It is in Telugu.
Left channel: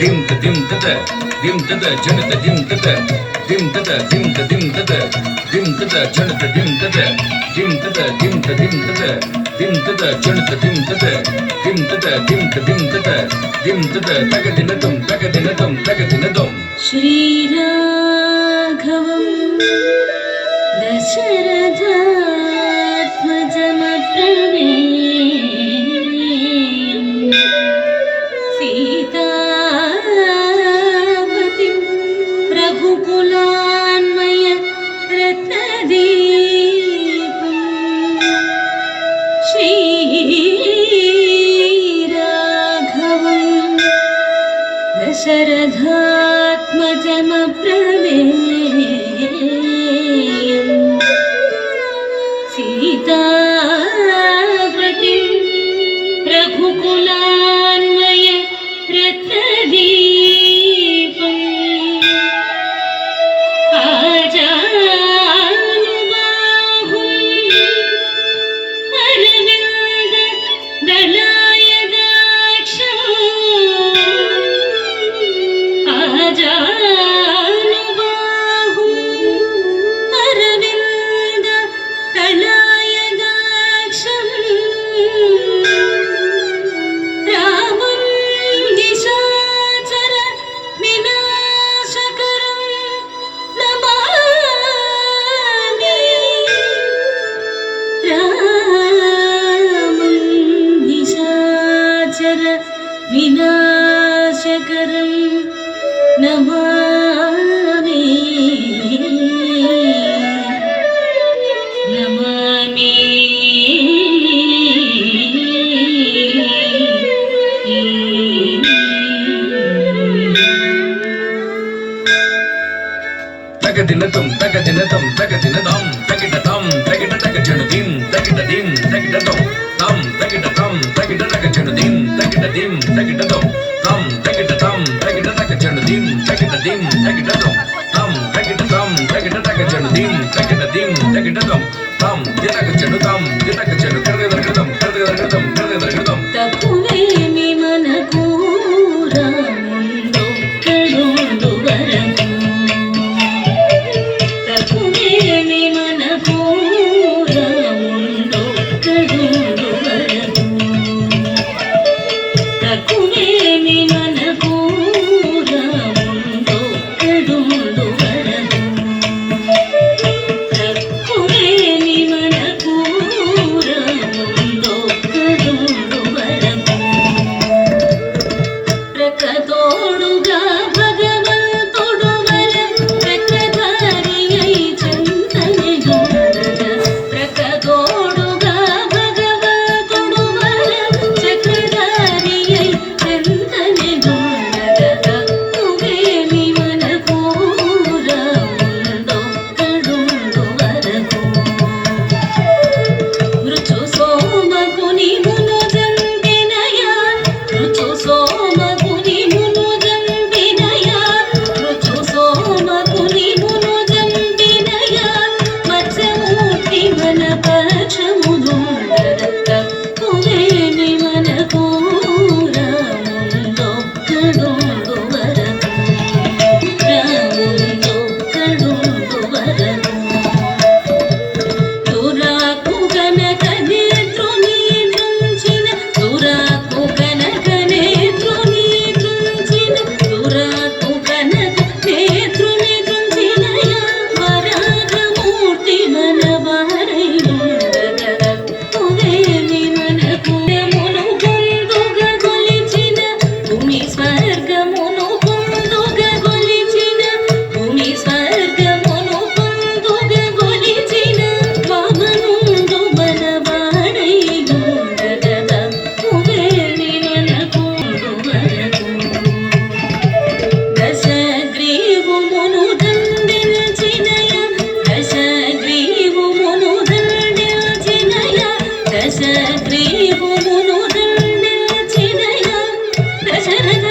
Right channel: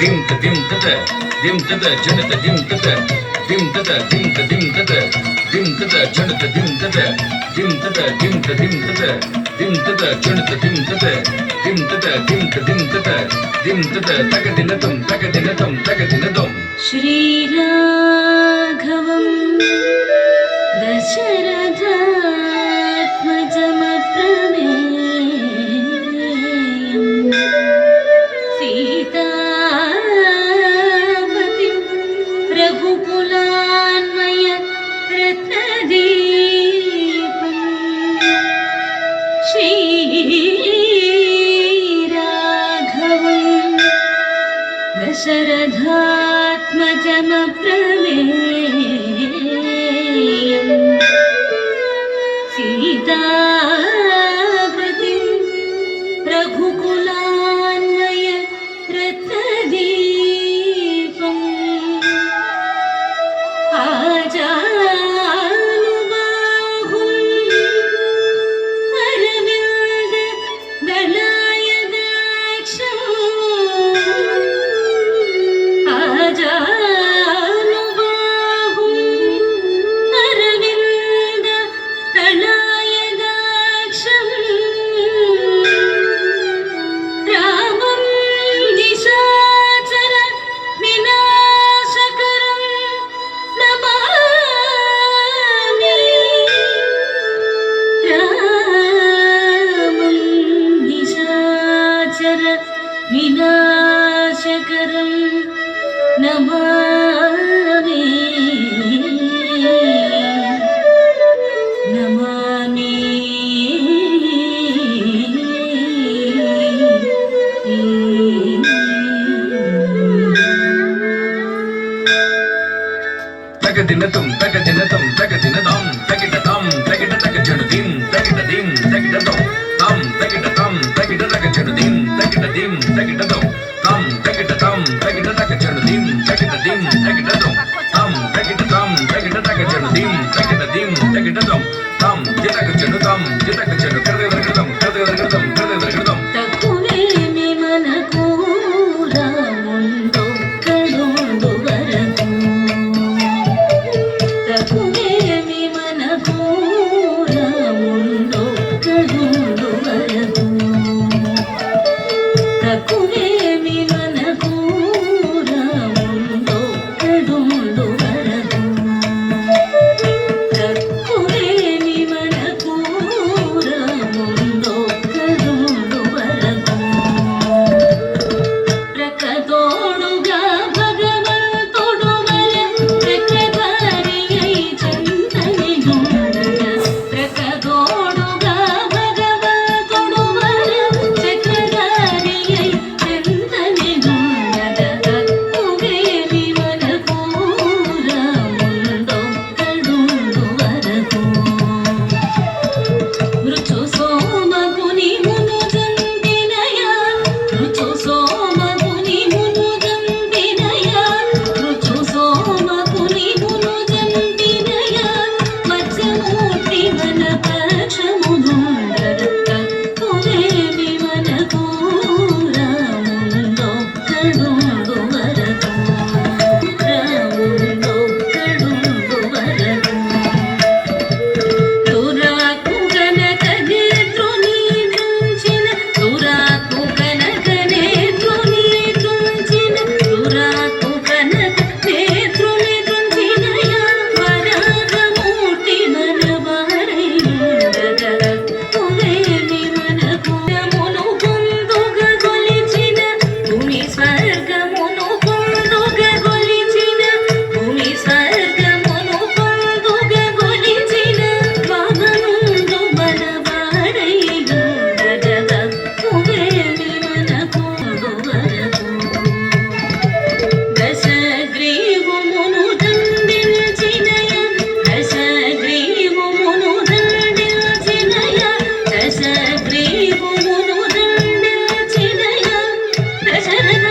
dim ta dim ta ta dim ta ta janata dim ta ta dim ta ta dim ta dim ta ta dim ta ta janata dim ta ta dim ta ta dim ta dim ta ta dim ta ta janata dim ta ta dim ta ta dim ta dim ta ta dim ta ta tagadinatam tagadinatam tagadinatam Shri Raghavam Dasharathatmajam Prameyam Sitavatim Raghukulanmaya Ratnadeepam Shri Raghavam Dasharathatmajam Prameyam Sitavatim Raghukulanmaya Ratnadeepam Ajanubahum Arvinda Dalayadaksham Ajanubahum Arvinda Dalayadaksham Ramam Nishachara Vinashakaram Namami Ramam Nishachara Vinashakaram Namami Namami tagadinatam tagadinatam tagadinatam tagidatam tagidatagajanudim tagidadim tagidatam tam tagidatam tagidatagajanudim tagidadim tagidatam tam tagidatam tagidatagajanudim tagidadim tagidatam tam tagidatam tagidatagajanudim tagidadim tagidatam tam yatagajanutam yatagajanu kardevargadam kardevargadam kardevargadam తక్కువేమి మనకు రాముండొక్కడుండు వరకు తక్కువేమి మనకు రాముండొక్కడుండు వరకు తక్కువేమి మనకు రాముండొక్కడుండు వరకు తక్కువేమి మనకు రాముండొక్కడుండు వరకు ప్రకతోడుగా భగవంతుడు వర ప్రకధారియై చందనే గుండగ ప్రకతోడుగా భగవంతుడు వర ప్రకధారియై చందనే గుండగ తక్కువేమి మనకు రాముండొక్కడుండు వరకు రుచు సోమగుని మును జంపినయా రుచు సోమగుని మును జంపినయా రుచు సోమగుని మును జంపినయా మత్స్యమూర్తి మన పక్షమునుండగ తక్కువేమి మనకు రాముండొక్కడుండు వరకు రాముండొక్కడుండు వరకు తురాకు గనక నేత్రుని దృంచిన తురాకు గనక నేత్రుని దృంచిన తురాకు గనక నేత్రుని దృంచినయా వరాహమూర్తి మన వారైయుండగ తక్కువేమి మనకు మును పొందుగ గొలిచిన భూమి స్వర్గమును పొందుగ గొలిచిన భూమి స్వర్గమును పొందుగ గొలిచిన వామనుండు బలవాడైయుండగ తక్కువేమి మనకు వరకు దశగ్రీవమును దండించినయ దశగ్రీవమును దండించినయ దశగ్రీవమును దండించినయ దశరథ